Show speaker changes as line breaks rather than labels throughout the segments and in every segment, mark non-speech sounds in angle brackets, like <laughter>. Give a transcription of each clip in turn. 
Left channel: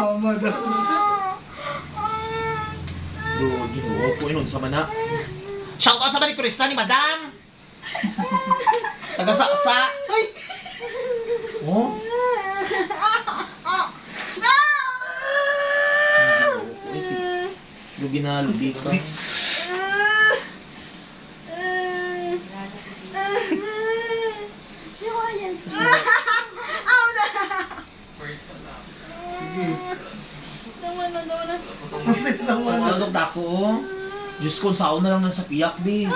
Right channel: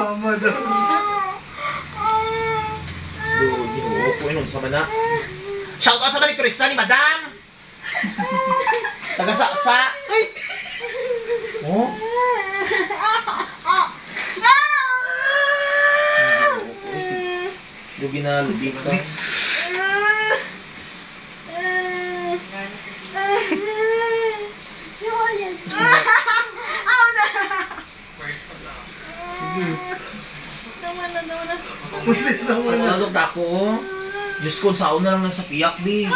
Mama daw.
Do, ginoo ko inom sa mana. Shout out sa Marie Krista ni Madam! Taga sa sa. Oh? Lugi na lubi ka.
Tama na, tama na.
Ano tako? Diyos ko, saon na lang lang sa piyak, di.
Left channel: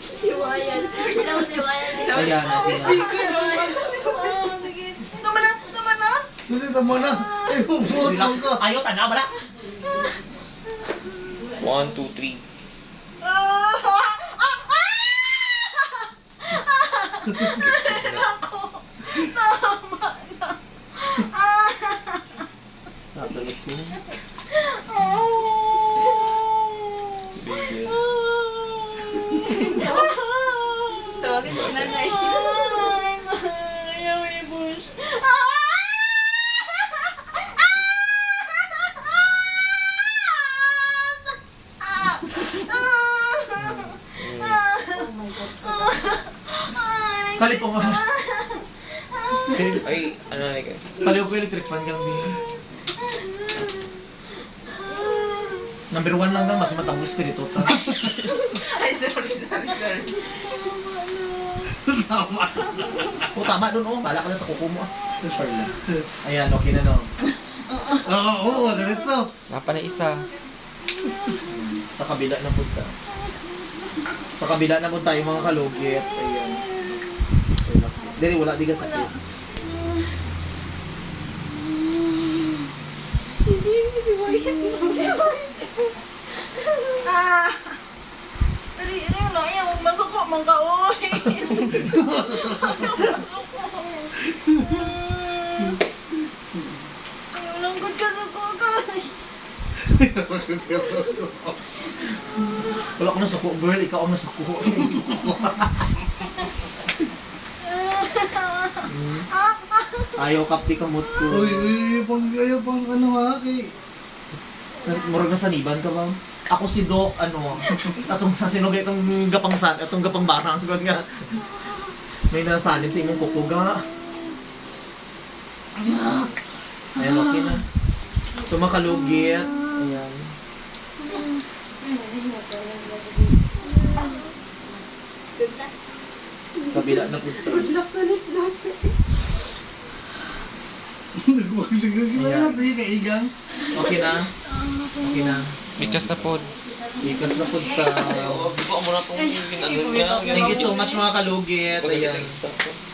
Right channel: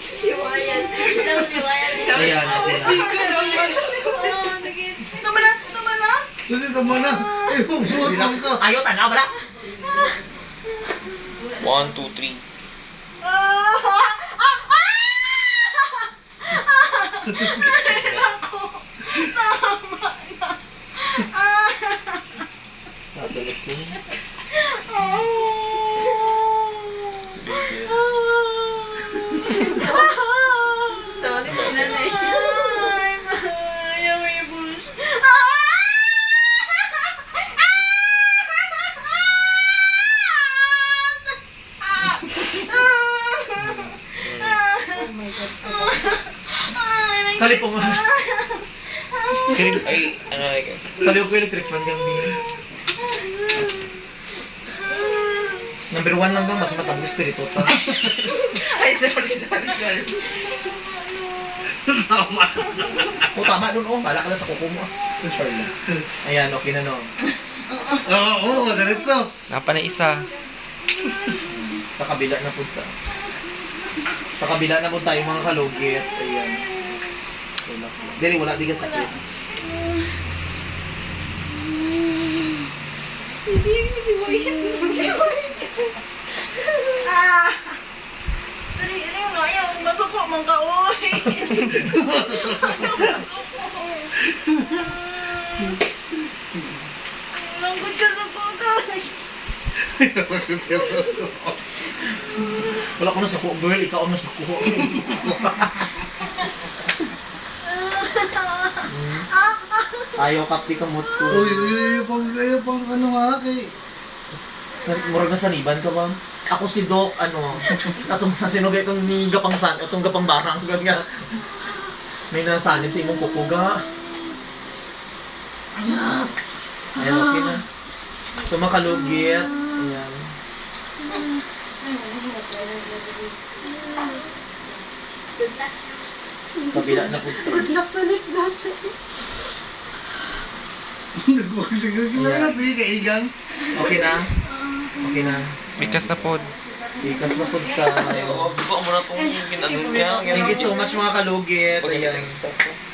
Siwayan. Siwayan.
Ayan,
Ah,
sila.
Kasi tama na. Ay, puputol
Relax.
ka.
Ayaw, tanaw, wala. One, two, three.
Ah, ah, ah! Ako. Tama na. Ah.
Nasa Kalipong mo.
Ay, ano ay
Kaliw ko electric fan kang di. Number one lang ba? Mas matang espiritu to. <laughs>
Ay, sorry, sorry, sorry. <laughs>
O tama dun, oh. Bala ka na sa kuko mo. ah. Sure lang. Ayan, okay na no.
Oo, oo, diretso.
Napa na isa.
Sa kabila na punta. Sa kabila na punta yung mga kalugit. Ayan. Dili, wala di ka sakit.
Ah! Dali, ini na yung masuko man ka, oy. Ka sa ko ka.
Wala ko na sa kuko, girl. Ikaw ang nasa kuko. Hmm. <laughs> Ayaw kapti ka mood ko.
Uy, uy, pang, ayaw pang ano ha, kay...
Murag na saniban ka ba? Ako si Doc, ano, atong sa sinugay itong gapang san, atong gapang barang, gud nga. May nasanib sa imong kukuga. Ayak. Ayan, okay na. So, makalugit. Ayan. Kabila na po.
Good luck sa next dati.
Kita na natin yung kaigang.
Okay na? Okay na.
Bikas na pod.
Ikas na po ka.
Buka mo na itong ginano niya.
Thank you so much mga kalugit. Ayan.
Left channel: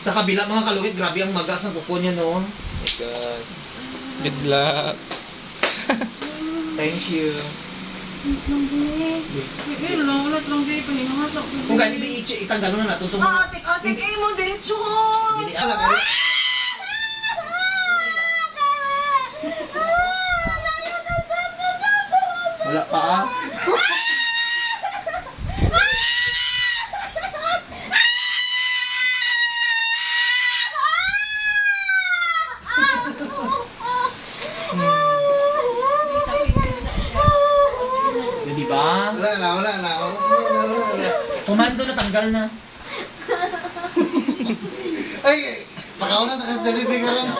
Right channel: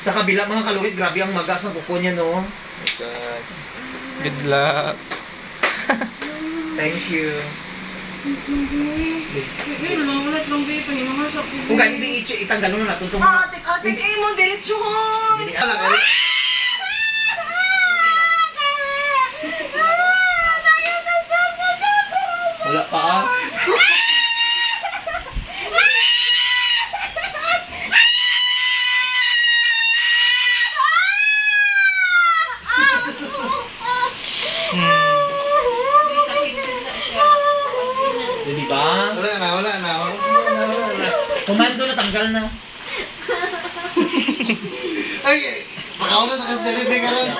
Sa kabila mga kalugit, grabe ang maga sa kuko niya, no?
Good luck.
Thank you.
Eh, lang, ulat lang kayo, pahinga sa ko.
Kung gani ba i- itanggal mo na natutong
Ah, tik, ah, tik, eh mo, diretso.
Ka. Wala pa ah. Di ba?
Wala na, wala na. Wala na, wala na.
Kumando na. <laughs>
Ay, pakauna na kasi delivery ka rin. <laughs>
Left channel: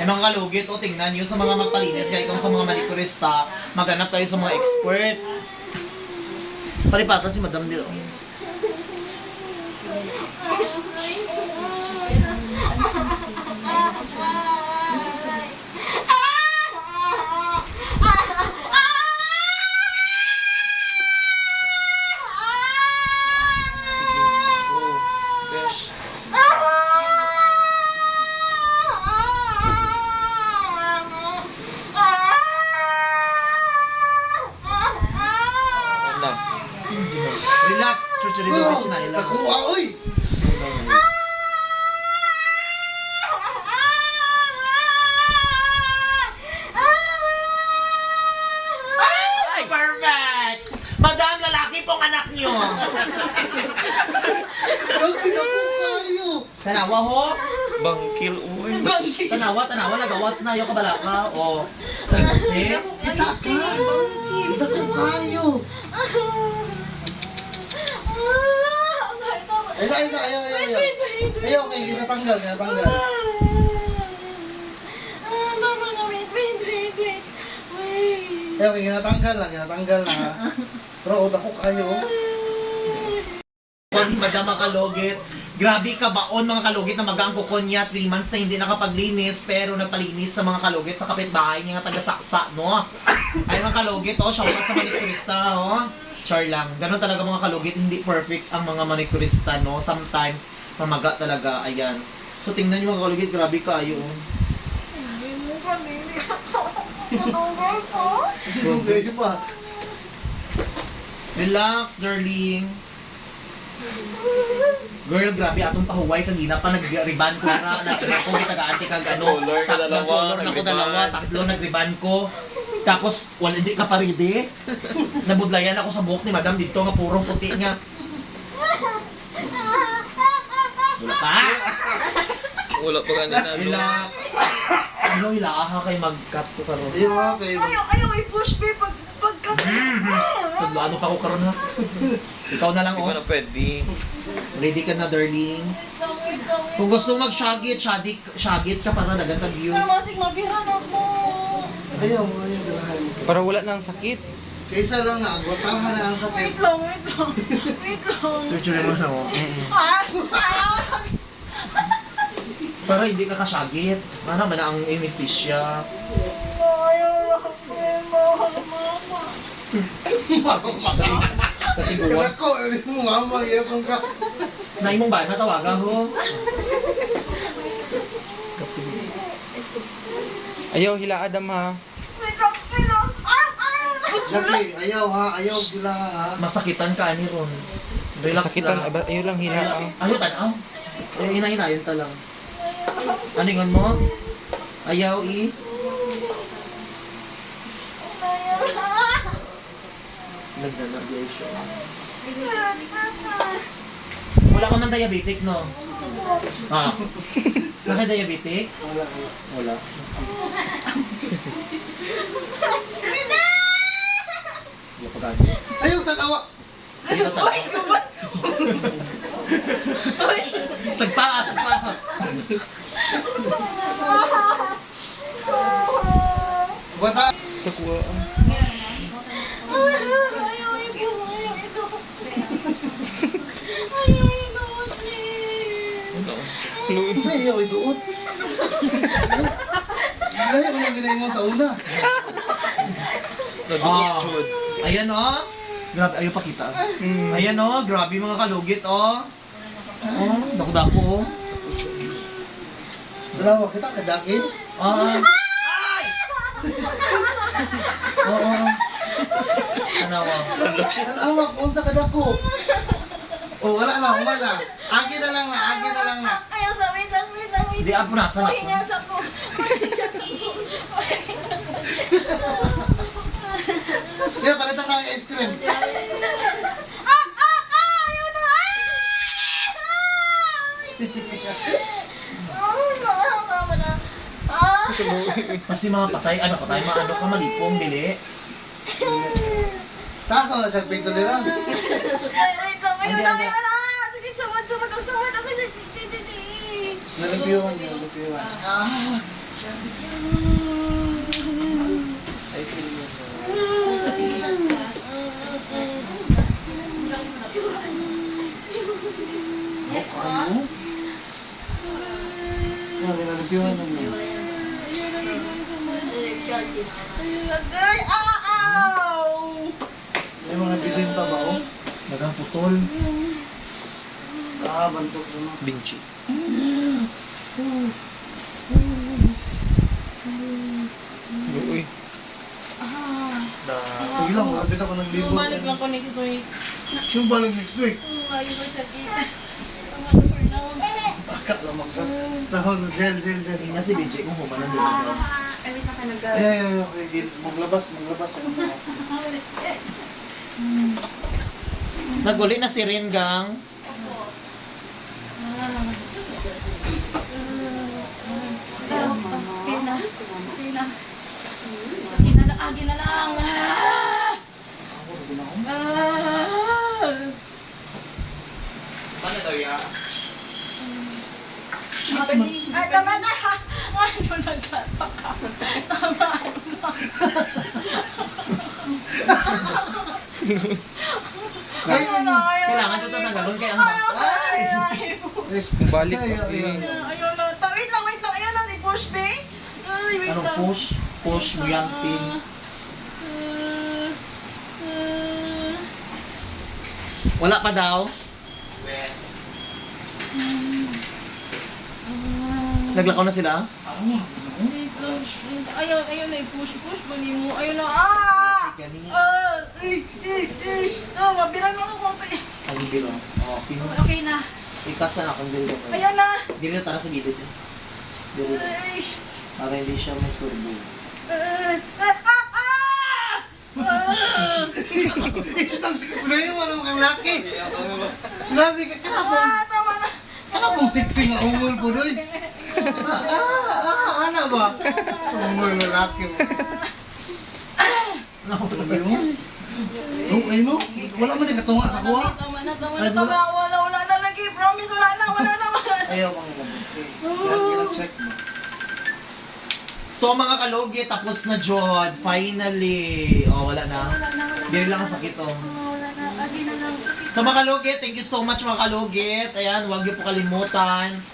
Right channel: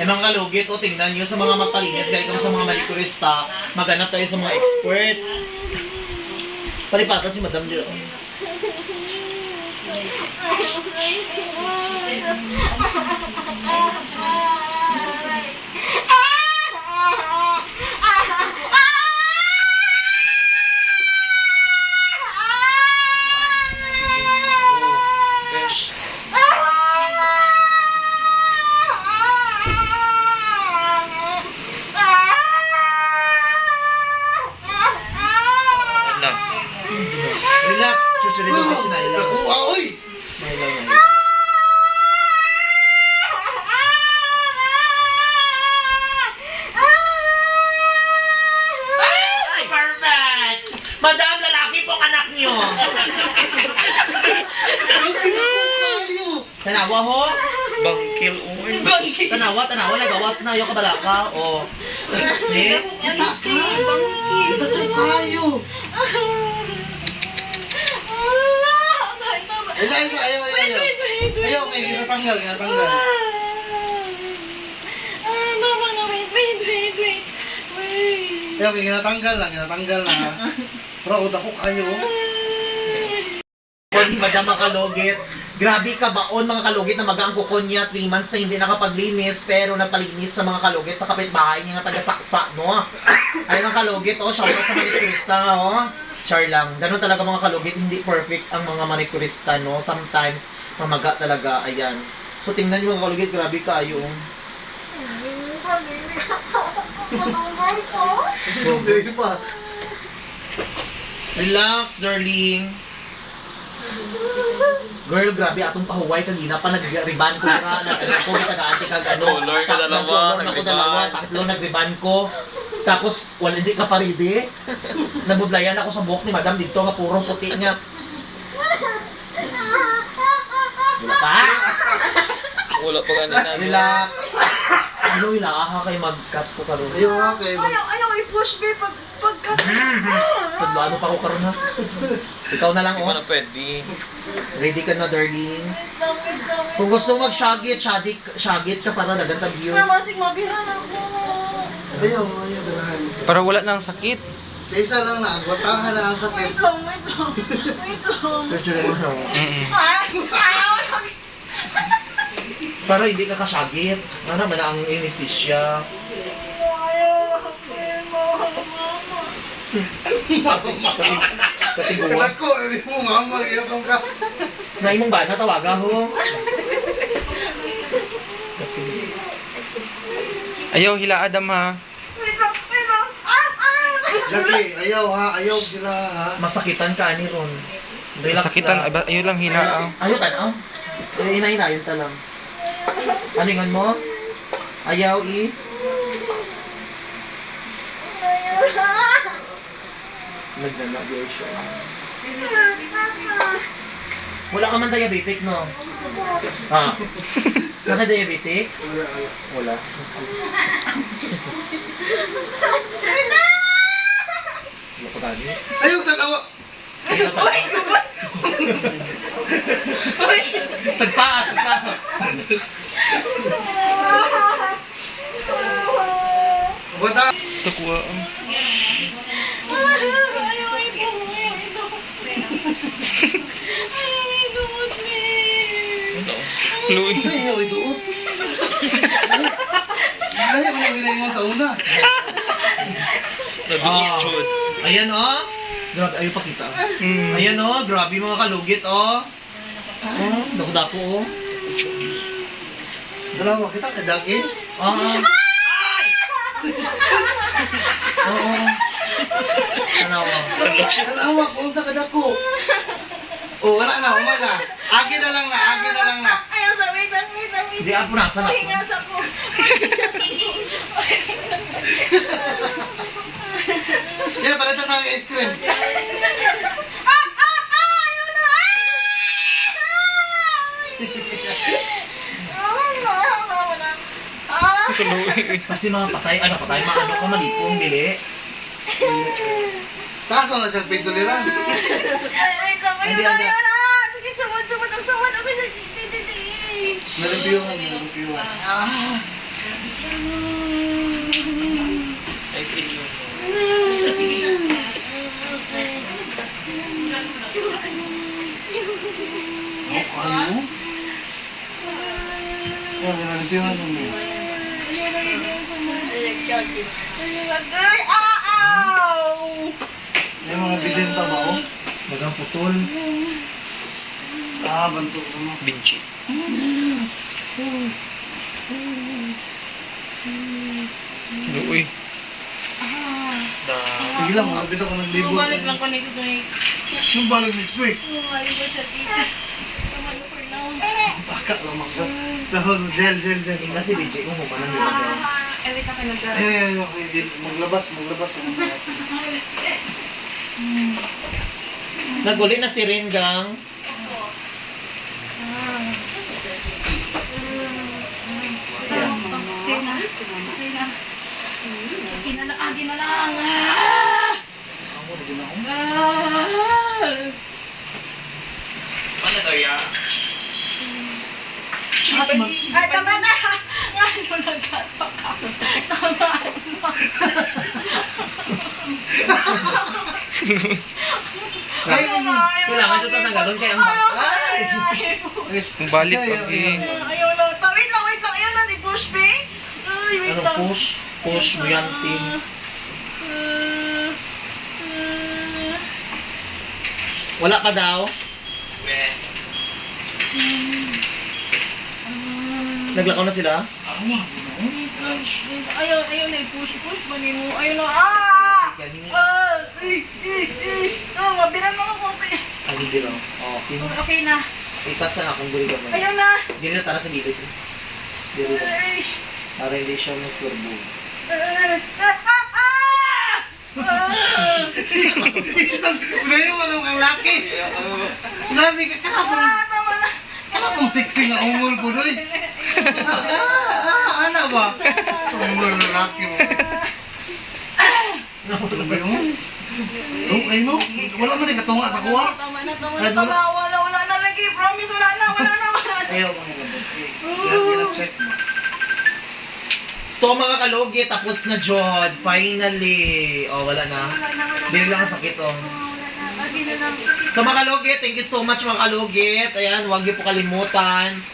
Eh mga kalugit, o tingnan nyo sa mga magpalinis, galing kami sa mga manikurista, maghanap tayo sa mga expert. Palipata si Madam Leo.
Besh. <laughs> lang.
Relax. Chuchurito oh. kasi na ilaw.
Nakuha, oy!
Ilaw na ilaw. Madam, lalaki pong anak niyo. Ang kinakuha kayo. Dalawa ho.
Bangkil, uy.
Tanawa, tanawa, nagawas na yung kabalaka. O, ay kasi.
Kita ka! Kita ka tayo! Isa, isa, ayaw, ayaw, ayaw. Ayaw, may kinatanggal, kinatanggal. Ayaw, may kinatanggal na, <laughs> kinatanggal na. Bro, utak ko kayo.
Kung ni Madam mga kalugit, grabe ka baon mga kalugit na magang kuko niya, 3 months na hindi nakapaglinis, pero napalinis sa mga kalugit sa kapitbahay niya nga taga-saksa, no? Ayun ang kalugit, oh, shoutout sa manikurista nga, oh. Char lang. Ganun talaga mga kalugit, hindi perfect ang mga manikurista, no? Sometimes, mamaga talaga, ayan. So, tingnan niyo mga kalugit, grabe ka,
pa.
Relax, darling. Girl, grabe atong pahuway kanina pa nag-riban ko nga na ako kita gaante kag ano.
Color ka dalawa, nag-riban.
dalawa, tatlo nag-riban ko. Tapos wala hindi ka paride. Nabudlayan ako sa buhok ni Madam dito nga puro puti nga. Wala pa.
Wala pa kanina.
Relax. Ano ilaaha kay mag-cut ko karon.
Ayaw.
Ayaw, ayaw i-push me pag pagka...
Paglano pa ko karon ha. <laughs> Ikaw na lang
Hindi ko
oh.
na pwede.
Ready ka na, darling. Kung gusto mo mag-shagit, shagit, shagit ka para naganda views.
Masig mabihan ako.
Ayaw, ayaw. ayaw.
Para wala nang sakit.
Isa lang na, agwatahan na ang sakit.
Wait lang, wait lang. <laughs> Wait lang.
Picture mo
ayaw.
Para hindi ka kasyagit. Ano man ang anesthesia.
Ayaw. Mahal, mama.
Katiguan.
Kanak ko, ano mo mama, ayaw kong ka.
Na imong ba natawaga ho?
Ayaw, hila Adam ha.
Lagi, ayaw ha, ayaw sila ha.
Masakitan ka ani ron. Relax
Sakitan,
lang.
aba- ayun lang hila. ah.
Ayaw tanaw. Eh, ina-inayon ta lang. Ano yung mo? Ayaw i. Nagdana di siya. Wala ka man diabetic no? Ah. Naka diabetic? Wala. Wala ko tadi.
Ayaw, tatawa.
Ayaw tadi. Sagta ka, sagta ka.
Agwata.
Takuha.
Ayaw
Luwi.
Sa iyo, iduot. Lahi mo yung ginayon sa una.
Naduot, chud.
Ayan oh. Grabe, ayaw pa kita.
Mm.
Ayan oh, grabe mga kalugit oh. Oh, dako-dako oh.
Dalawa kita, kadaki.
Ah. <laughs> Oo. Ano oh.
Tanawa, kung sa kadako. Oh, wala na, umaga. Akin na lang na, akin na lang na.
Ayaw sa wait lang, wait lang, wait
Di
lang.
nasa na.
Pahinga sa ko.
Yeah, palitan na ang ice cream.
Ah, ah, ah, ayaw na. Ah! Ah, tama na. Ah!
Luwi.
Kasi mga patay, ano patay, mga ano ka malipong dili.
Kaso na siya pinto nila.
Ay, wait
Hindi,
na, ayaw na. Sige, sumad, sumad, ang sumad ako sa titi.
Nalipiyuhan, nalipiyuhan.
Ah.
Ay, tingin mo.
Ano? Yeah, nalipiyuhan mo.
Agay, ah, ow!
May mga bilin pa ba, oh?
Magang putol.
Ah, bantok ko na.
Binchi. Luwi. Isda.
Sige lang, malapit ako ng libo.
Bumalik lang ko na ito eh.
Yung balik next week.
Bumalik ko sa tita. Tama ko for now.
Taka lamang ka. Sahod, gel, gel, gel.
Yung si BJ kung humanan din ako.
Ewi ka nag
Eh, eh, maglabas, maglabas. <laughs>
Naguli na si Ringgang. Ano <laughs>
daw ya?
Ay, tama na! Ano nagkapak ako? Tama! Na,
Kailangan
na,
ito tatagalon kay ang bata.
Ayaw,
Ay!
ayaw.
Balik ka, eh.
ay.
Ayaw na. Ta- Wait lang, wait lang. Ayaw na ni Push, be. Ay, wait
Anong
lang.
push? Push mo yan, team.
Ah, ah,
Wala pa daw? Naglakaw na sila?
wait lang, wait. Ayaw, ayaw na i-push, push man mo. Ayaw na. Ah! Ah! Ay, ay, ay. Ah, mabilang ako.
Ang raw. Oh, pin.
Okay na.
Ikat sa akong dili mo.
Ayaw na.
Dili na tara sa gilid. Dili na.
Ay,
Para hindi siya mas turbo.
ah, ah, ah, ah! Ah!
Isang, ngayon mo nung kang laki. Grabe ka,
Ah, na.
kanapong sexy nga umul ko doy. Ah, ah, ana ba? Umul ng laki mo. Grabe mo. Oh, ay no, wala mo din katunga sa kuha.
Tama na, tama na, tama na. Wala, wala na lagi. Promise, wala na, wala na, wala na.
Ayaw. Kaya check mo.
So mga kalogi, tapos na Jod. Finally. Oh, wala na. Dili lang ang sakit oh.
Oh.
So mga kalugit, thank you so much mga kalugit. Ayan, huwag niyo po kalimutan.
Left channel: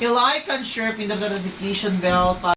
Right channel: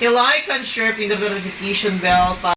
I-like and share, pindot the notification bell para